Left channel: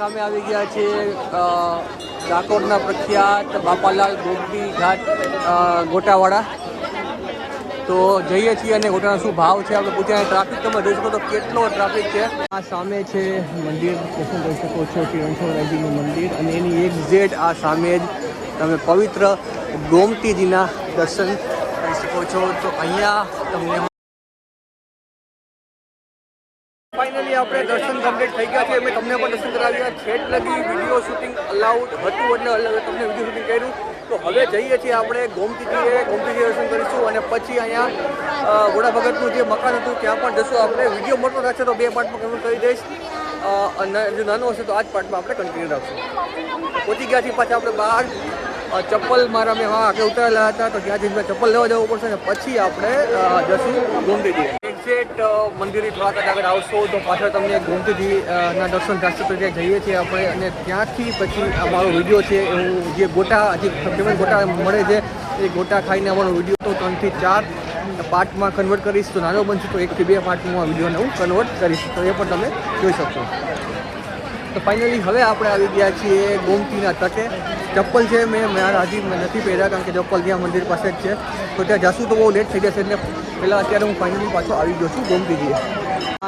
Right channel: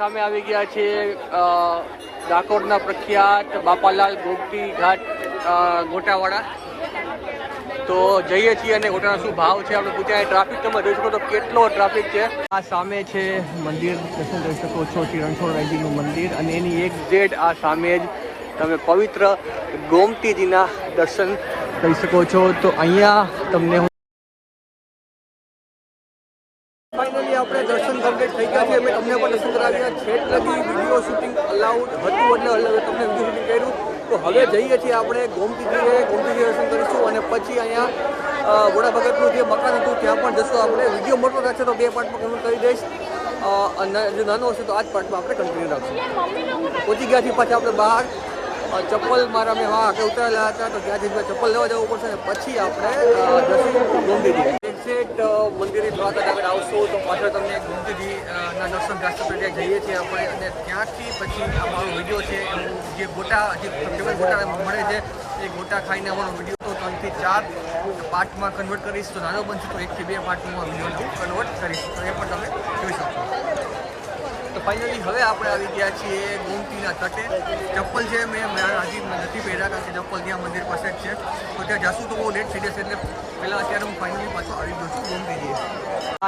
સામે આવી ગયા છે ડાકોરના પ્રખ્યાત બાપાલાલ ગોપી ઘાટ ગોટાવાળા. તો જઈએ છીએ અને ગોટાનો શું ભાવ છે આપણે પૂછ્યા ટ્રાફિક તમે જોઈ શકો તો કેટલો ટ્રાફિક છે. આ સામે છે મંદિર, દર્શન કરી શકો છો શ્રી રણછોડરાયજીનું મંદિર અને એની એક્ઝેટ આ સામે જ તમે પવિત્ર ગોમતીજીના દર્શન કરી શકો છો. તો અહીંયા તમને ફાઇનલી આપણે દર્શન કમ્પ્લીટ થઈ ગયા છે, અમે તમને પણ દર્શન કરાવ્યા છેટ લગી વીડિયો શૂટિંગ અલાઉડ હતું એટલે તમને વીડિયો શૂટિંગ કર્યું. તો હવે જઈએ છીએ આપણે ગોમતીજીએ ગોમતીજી દર્શન કરીશું અને પછી અહીંયા વોડા ભગતનું જે મકાન હતું, ત્યાં પણ જશું આપણે. વીડિયો મોટો રાખશે તો બે પાર્ટમાં કન્વર્ટ કરી દઈશ. અને જો નાનો હશે તો આ જ પાર્ટમાં આપણે કન્ટિન્યુ રાખશું. પહોંચી ગયા છીએ પાછા આપણે બહાર. ચપ્પલ મારા મેં હા આગળ ઉતારેલા હતા, તો ત્યાં જઈને ચપ્પલ લેવા જવું પડશે અને પછી આપણે જશું ગોમતીજી એક્ઝેક્ટ મંદિરે થોડાક આગળ આવશો તો પાછળ તમને ગોમતીજી ના દર્શન રાષ્ટ્રપતિ ત્યાં જઈએ છીએ આપણે. અને ત્યાંથી પછી અમારો વીડિયો છે હું જે ગોટા, જે ફેમસ ગોટા મળે છે, એ ગોટા ખાઈને અમારો વીડિયો તો ત્રણથી ચાર પાર્ટમાં કન્વર્ટ કરીશ. તો નાનો બનશે તો એકથી બે પાર્ટમાં વિડીયોને હું કન્વર્ટ કરીશ. તો એ પણ તમે જોઈ શકશો. તો ફાઇનલી હવે આપણે આવી ગયા છીએ ગોમતીના તટે. ચપ્પલ છે, મેં મારા હજી નથી પહેર્યા કારણ કે ચપ્પલ ત્યાં મંદિર પાસે જ છે. તો ત્યાં જશું તો બહુ લેટ થઈ જશે એટલે પહેલાં અત્યારે હું ફાઇનલી પાછો આવી ગયો છું ગોમતીજી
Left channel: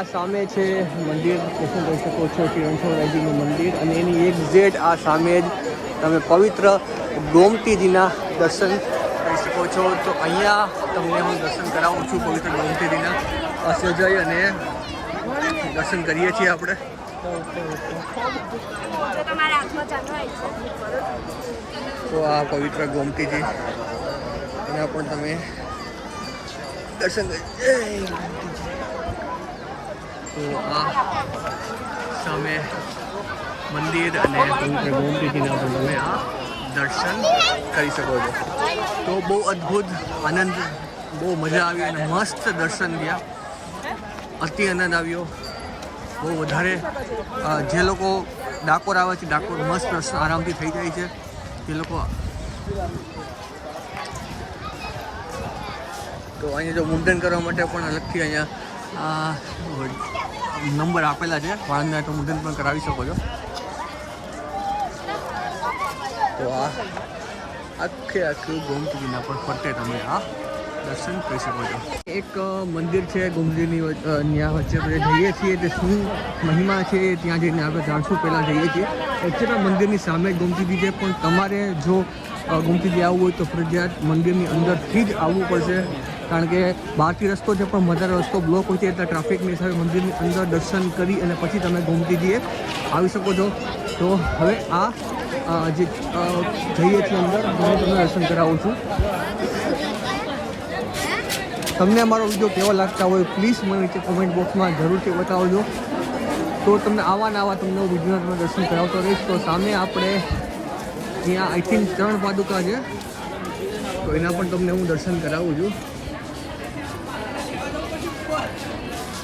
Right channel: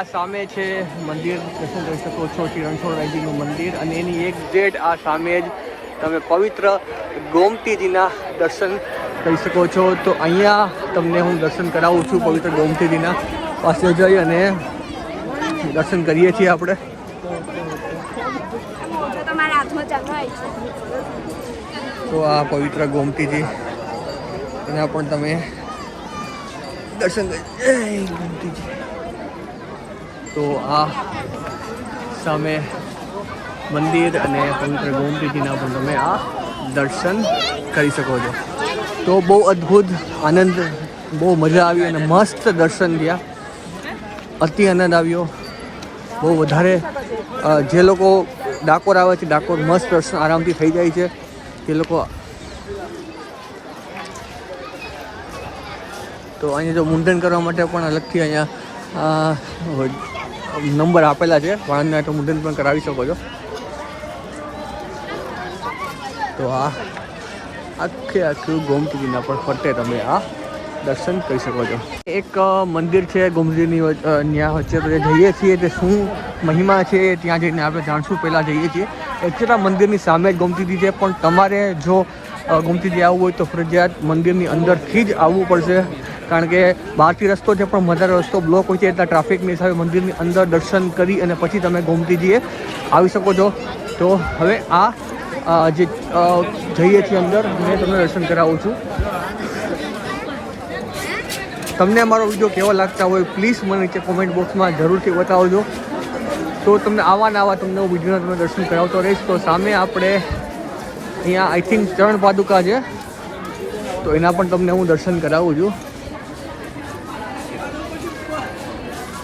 આ સામે છે મંદિર દર્શન કરી શકો છો શ્રી મંદિર અને એની એક્ઝેટ આ સામે જ તમે પવિત્ર ગોમતીજીના દર્શન કરી શકો છો. તો અહીંયા તમને હું દર્શન કરાવું છું પવિત્ર ગોમતીજીના. પાસે જઈ અને દર્શન કરીએ છીએ આપણે જો તમારા હાથમાં ચટવાય તો આ પવિત્ર ગોમતીજી. એના પણ તમે દર્શન. તો આ સામે મંદિર અને પવિત્ર ગોમતીજીના પણ તમે આ દર્શન કરી શકો છો. તો બહુ અદ્ભુત આનંદ, બહુ મજા આવી અને મસ્ત દર્શન થયા. અતિ આનંદ આવ્યો. બહુ વધારે જે લોકો ડાકોર આવે છે, ડાકોર મસ્ત આરામથી થઈ જાય છે. જે લોકો તો અહીંયા જો મુંડન કરવા માટે પણ અલગથી અહીંયા નંબર આપેલા છે. વાળંદના તો મુંડન પણ કરાવી શકો છો. તો હા, આખે આખું ગોમતીજીના પણ ફરતે તમે આ દર્શન કરી શકો છો. એક મંદિર છે ગોમતીની ત્યાં વચ્ચે આપણે જઈએ છીએ તે શું મહિમા છે ત્યાં જઈને આપણે જાણશું પહેલાં જઈએ છીએ. એકચ્યુઅલી મંદિરની સામે જ ગોમતીજી છે પણ તમારે જો અ, ગોમતીજી આવવું હોય તો ફરજિયાત મંદિરની અંદરથી જ આવવું પડશે. કારણ કે બહારથી રસ્તો છે પણ વધારે રસ્તો બ્લોક હોય છે એટલા ટ્રાફિકની હિસાબે મંદિરની અંદર દર્શન કરી અને પછી તમે ગોમતીજીએ આવી શકો છો. તો હવે આ જે જઈએ છીએ અંદર મેં તમને દર્શન કરાવું છું. તમને અમારો વીડિયો કેવો લાગતા હોય પ્લીઝ મને નીચે કોમેન્ટ બોક્સમાં જરૂરથી બતાવજો. તો તમને આવા ને આવા તમને હું વિડીયોના તમને દર્શન કરાવતો રહીશ. તો સામે આપણે અહીંયા આઈ થિંક ચરણ પાદુકા છે. તો એના પણ તમને હું દર્શન કરાવું છું.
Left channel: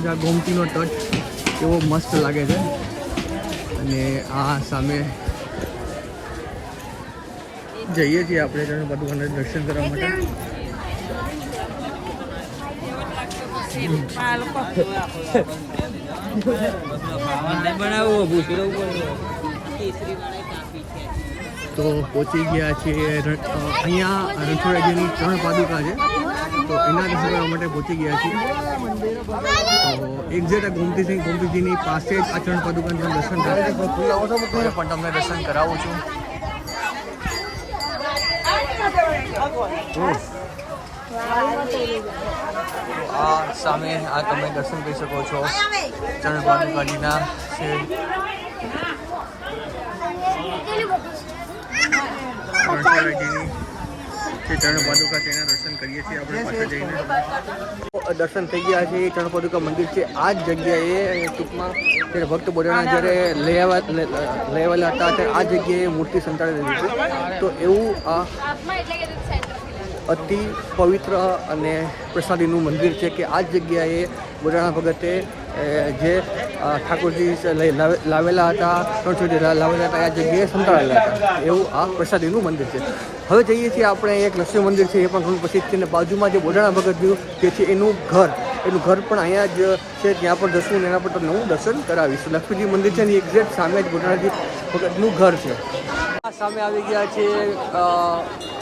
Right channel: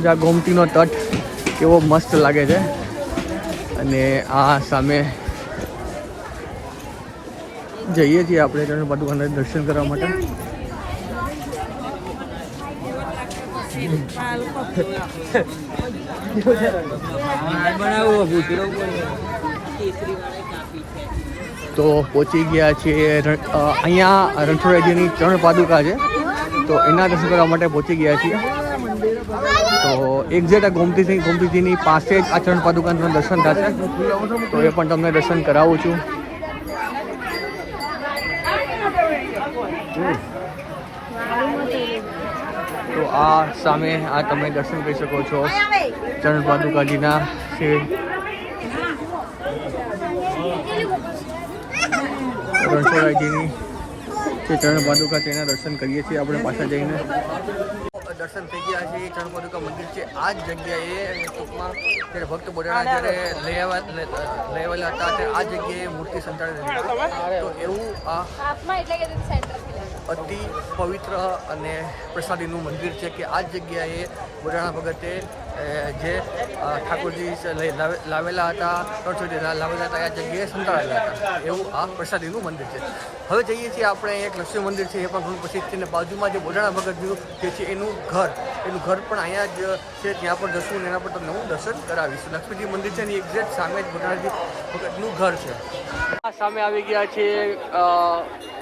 જ્યાં ગોમતીનો તટ કેવો મસ્ત લાગે છે. અને આ સામે જઈએ છીએ આપણે ચરણ પાદુકાને દર્શન કરવા માટે. તો પહોંચી ગયા છીએ અહીંયા રણછોડરાયજીની ત્રણ પાદુકા છે. તો એના દર્શન કરવા માટે પહોંચી ગયા છીએ. તો એક્ઝેક્ટ આ ગોમતીસિંહ ગોમતીજીની પાસે જ આ ચરણ પાદુકાનું દર્શન થશે તો એ પણ તમને દર્શન કરાવું છું. હમ. આ સામે આ તમે દર્શન કરી શકો છો. ચરણ પાદુકાજીના છે રણછોડરાયજીની જે ચરણ પાદુકા દર્શન કરીએ છીએ. આપણે પાછળ જઈને. દર્શન થઈ ગયા છે. ચરણ પાદુકા મંદિર છે. આ જ જગ્યાએ ટૂંકમાં જ્યારે ભક્ત બોડાણા જ્યારે લઈ આવેલા હતા, ત્યારે આ જગ્યાએ મૂર્તિ સંતાડેલી હતી. તો એવું આ અતિ પવિત્ર અને પ્રસાદીનું મંદિર છે કે આ જગ્યાએ બોડાણા ભગતે જે ઠાકોરજી લાવેલા હતા લા- લાવેલા હતા આ જગ્યાએ સંતાડેલા હતા. એવું આ પ્રસાદીનું મંદિર છે. હવે જઈએ છીએ આપણે એક લક્ષ્મી મંદિર છે, એ પણ ઘણું પ્રસિદ્ધ છે. અને બાજુમાં જે બોડાણા ભગત જે છે એનું ઘર એનું ઘર પણ અહીંયા જ છે, ત્યાં પણ જશું અને એના પર તમને હું દર્શન કરાવીશ. લક્ષ્મીજી મંદિર છે એની એક્ઝેક્ટ સામે જ ગોટાળાજી ભગતનું ઘર છે. આ સામે આવી ગયા છે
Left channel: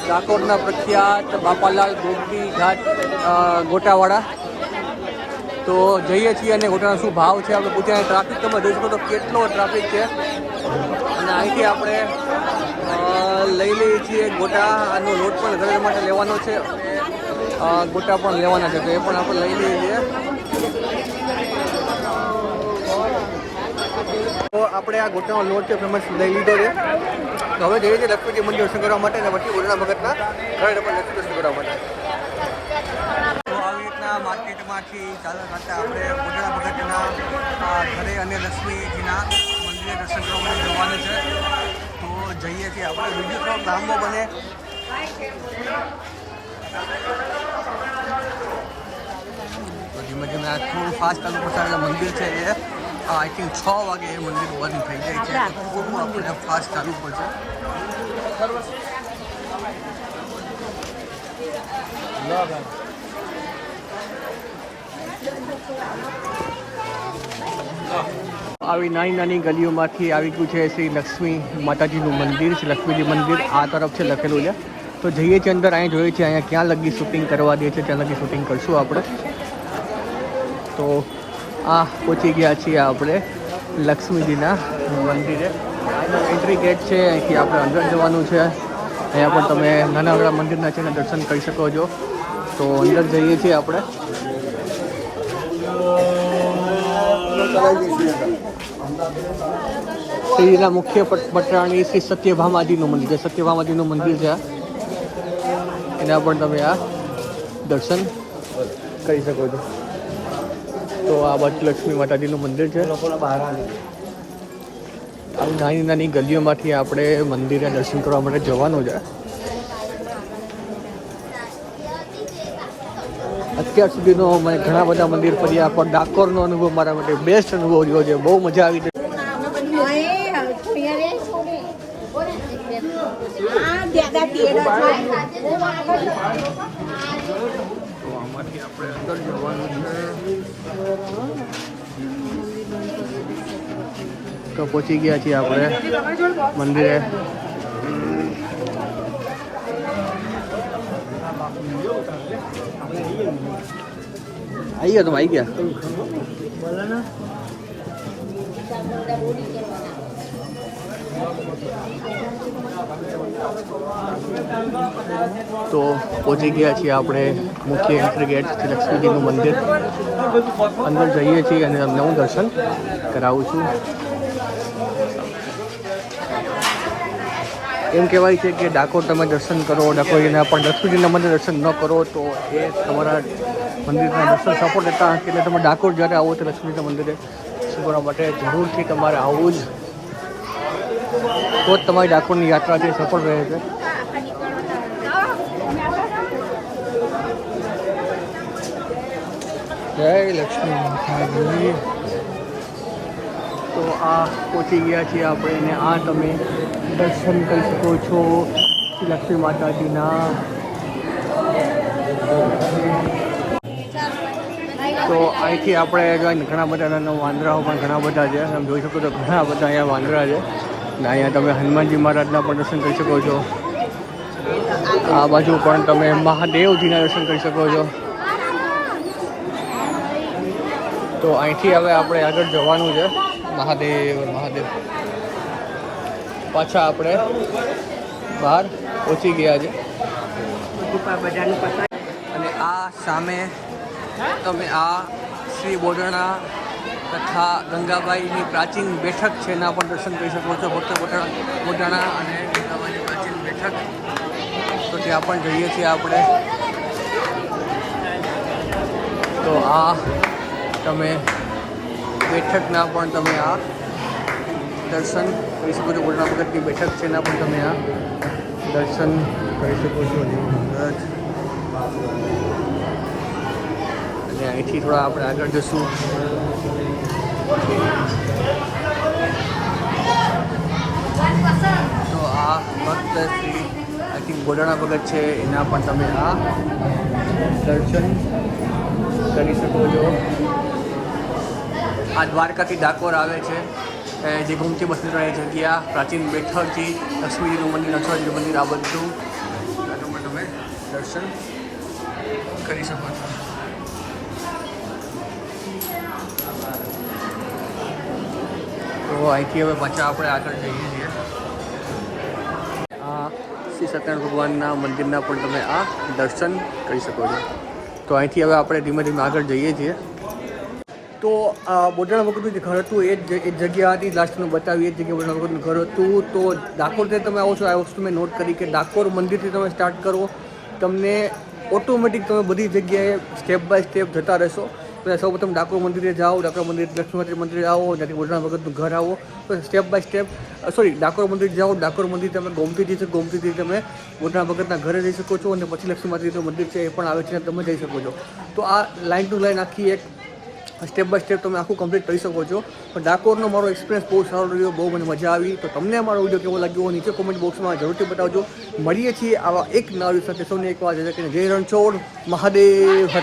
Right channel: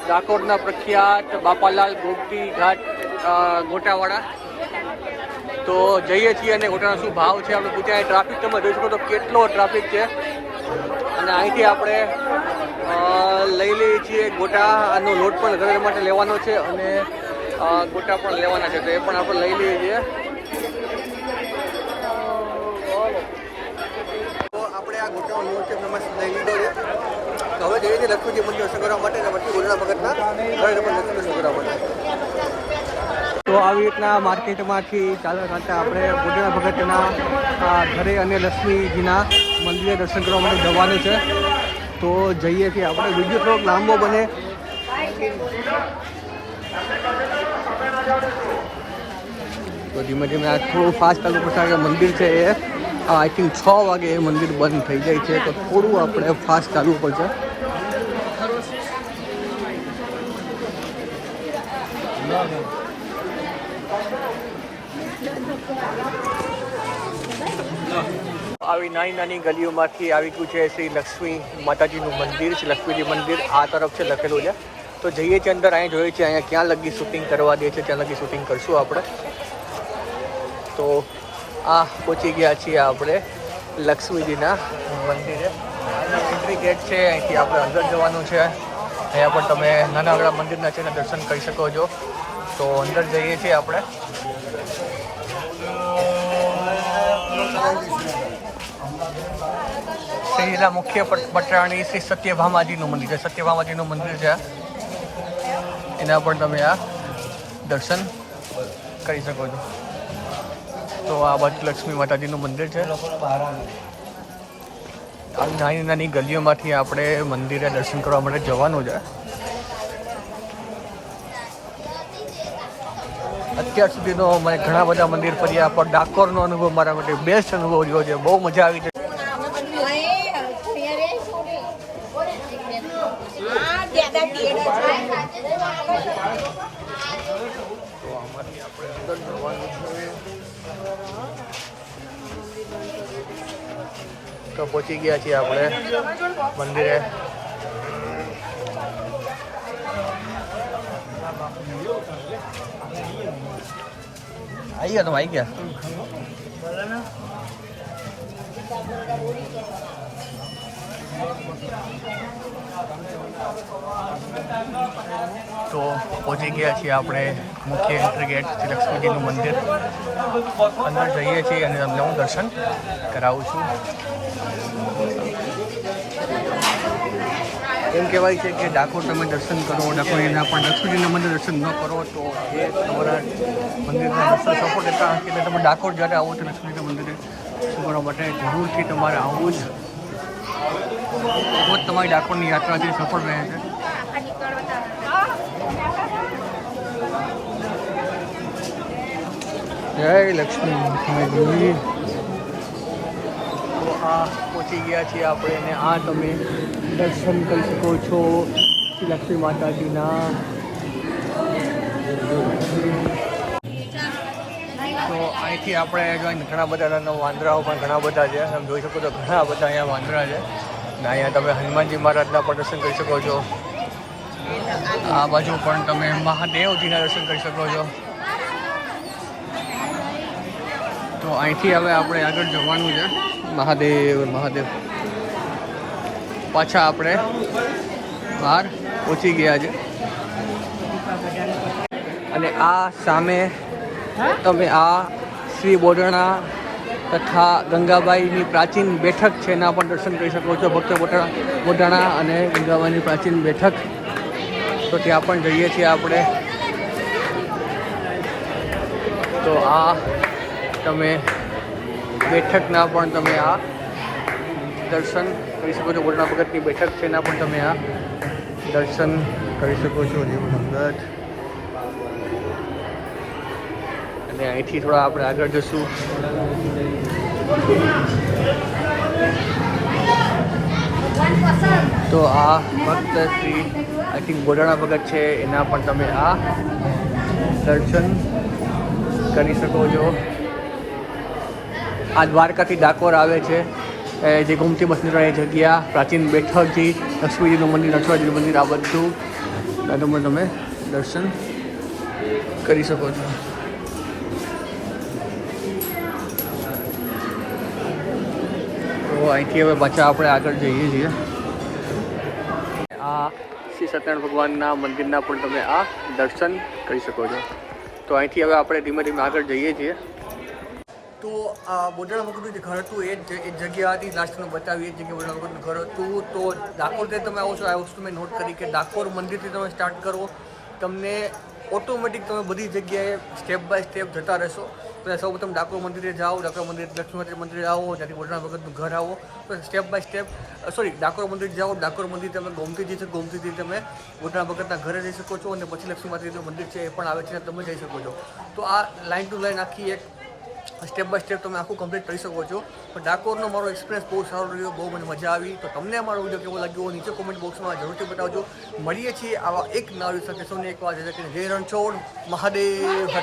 ડાકોરના પ્રખ્યાત બાપાલાલ ગોપી ઘાટ ગોટાવાળા. તો જઈએ છીએ અને ગોટાનો શું ભાવ છે આપણે પૂછ્યા. ટ્રાફિક તમે જોઈ શકો તો કેટલો ટ્રાફિક છે. અને અહીંથી આપણે લઈ લઈએ છીએ ગોટાનો લોટ પણ ઘરે માટે લેવાનો છે અને ગોટા પણ લેવાના છે. તો એ પણ આપણે લઈ લઈએ છીએ. તો આપણે આ ગોટાનો લોટ છે, ફેમસ લઈ લીધો છે. તો હવે જઈએ છીએ લક્ષ્મીજી મંદિર દર્શન કરવા માટે અને પછી ઉડના ભગતના ઘરે પણ દર્શન કરવા માટે. તો આવી રીતના માર્કેટમાંથી ચાલતા ચાલતા આપણે ગોડડા ભગતના ઘરે અને લક્ષ્મીજીના મંદિરે દર્શન કરવા માટે જવાનું છે. તો જઈએ છીએ આપણે. વીડિયો થોડોક લાંબો બને. તો ધીમે ધીમે આ થોડું ફાસ્ટ ચાલુ પડશે મંદિર છે એ. આઈ થિંક છ વાગે એ મંદિર બંધ થઈ જાય છે. તો થોડું આપણે ફાસ્ટ ચાલવું પડશે. આવી નાની નાની ગલીઓમાંથી આવી ગયું છે શ્રી લક્ષ્મી માતાજીનું મંદિર છે લક્ષ્મીજી મંદિર, આ તરફ છે લખેલું છે. તો જઈએ છીએ અંદર, અહીં જોઈએ છીએ અહીંયા ક્યાં લગી શૂટિંગ કરવા દે છે, ત્યાં લગી શૂટિંગ કરશું આપણે. તો આ પહોંચી ગયા છીએ આપણે. લક્ષ્મીજીના મંદિરે. એન્ટ્રી ગેટ છે, અહીંથી આપણે અંદર જવાનું છે. અહીંયા પણ તમે નાના નાના મંદિરના છે દર્શન કરી શકો છો. તો અંદર જઈએ છીએ આપણે. શ્રીના મુખ્ય પટ- પટરાણી શ્રી સત્યભામાજીનું મંદિર છે. સત્યભામાજીનું મંદિર છે. એના પણ તમે આ દર્શન કરી શકો છો. તો આ બાજુ લક્ષ્મી માતાજીનું મંદિર છે. નાની નાની ગલીઓમાંથી આપણે મંદિરે દર્શન કરવા માટે જવાનું છે. અત્યાર સુધીનો મેં ઘણા બધા મંદિર ફર્યા પણ ડાકોરનો અનુભવ મારા માટે બેસ્ટ અનુભવ રહ્યો છે. બહુ મજા આવી ગઈ. તો પહોંચી ગયા છીએ આપણે. મંદિરે. આવી ગયા તમે આવી ગયા? તો પહોંચી ગયા છીએ આપણે મુખ્ય એન્ટ્રી ગેટ શ્રી લક્ષ્મીજીનું મંદિર. અંદર જઈએ છીએ અને તમને હું દર્શન કરાવું છું. એમ કહેવાય છે કે ડાકોર તમે દર્શન કરો ડાકોરજીના પણ લક્ષ્મીજીના મંદિર દર્શન ન કરો તો એ તમારા મંદિરના દર્શન સફળ રહેતા એટલે તમે ડાકોર જ્યારે આવો તો લક્ષ્મીના મંદિરે કરવા માટે જરૂરથી તમારે આવવું જ. તો જ તમારી ડાકોરની યાત્રા જે સફળ રહે છે. જય લક્ષ્મી માતાજી તો આ પહોંચી ગયા છે આપણે પણ તમે દર્શન કરી શકો છો લક્ષ્મી માતાજીના. તો અહીંથી આપણે ઘણા બધા વાંદરાઓ પણ ઘણા બધા છે, તમે જોઈ શકો છો ઘણા બધા અહીંયા વાંદરા છે. અને અહીંયા તમે હનુમાનજી મહારાજના પણ દર્શન કરી શકો છો. આ બાજુ પણ તમે મહાદેવજીના દર્શન કરી શકો છો. તો અહીંથી હવે આપણે આગળ જવાનું છે. મહાદેવ મહાદેવ. પાછા આપણે બહાર પહોંચી ગયા છે. અને આ સામે તમે આ શ્રી બોડણા તથા ગંગાબાઈની પ્રાચીન બેઠક છે, એના પણ દર્શન કરી શકો છો. ભક્ત બોટાણા અને ગંગાબાઈની પ્રાચીન બેઠક. તો ત્યાં પણ જઈએ છીએ આપણે. તો આ તમે બેઠકના પણ તમે આ દર્શન કરી શકો છો. બોલના ભગતની બેઠક છે એના પણ તમે આ દર્શન કરી શકો છો. જેવું ભગત અને અહીંથી થોડા આપણે આગળ જશું. તો આ ભક્ત શ્રી આઈ થિંક બોલાણા ભગત છે, એના પણ તમે આ દર્શન કરી શકો છો. આ દ્વારકાથી ડાકોર આવે છે જે ગોમતી બસની ત્રણેય જગ્યા, પ્રાચીન બેઠકથી લક્ષ્મીજીનું મંદિર, નટરાજીનું મંદિર, આ બધું. તમે તમે દર્શન કરી શકો છો. તો અહીંથી હવે પાછા આપણે આગળ જઈએ છીએ. આ શ્રી સત્યનારાયણ ભગવાનના મંદિરના પણ તમે આ દર્શન કરી શકો છો. તો અહીંથી હવે આપણે ધીમે ધીમે આગળ જઈએ છીએ. તો આ બોડાણા વખતનું જે ઘર હતું, એ જ એ જગ્યા હતી. લાસ્ટ મેં બતાવી, એ જ જગ્યા બોડાણા વખતનું ઘર હતું. તો ડાકોરથી તમે આવો છો આ વસ્તુ મેં નોટ કરી કે ડાકોર મંદિરથી તમે સ્ટાર્ટ કરો. તમને ઓટોમેટિક તમે બધી જગ્યાએ સ્ટેપ બાય સ્ટેપ જતા રહેશો. તો સૌ પ્રથમ ડાકોર મંદિરે જાઓ, ડાકોર મંદિર લક્ષ્મી મંદિરે આવો, ત્યાંથી બોડાણા વખતનું ઘર આવો. તો step by step sorry Dakor મંદિર જાઓ, ડાકોર મંદિર તમે ગોમતી જઈ શકો ગોમતીથી તમે બોટાણા ભગતના ઘરે જઈ શકો છો અને પછી લક્ષ્મીમાતાજીનું મંદિર છે, એ પણ આવે છે, તમે જઈ શકો છો. તો આ લાઇન ટુ લાઇન આખી એક સ્ટેપ બાય સ્ટેપ તમે આખું કમ્પ્લીટ કરી શકો છો. પણ ડાકોરનો મારો એક્સપિરિયન્સ બહુ સારો રહ્યો, બહુ મને મજા આવી. તો તમને મારો વીડિયો કેવો લાગ્યો નીચે કોમેન્ટ બોક્સમાં જરૂરથી બતાવજો. મળીએ છીએ આવા એક નવા સાથે. સૌને એક વાર જય રણછોડ મહાદેવ હર.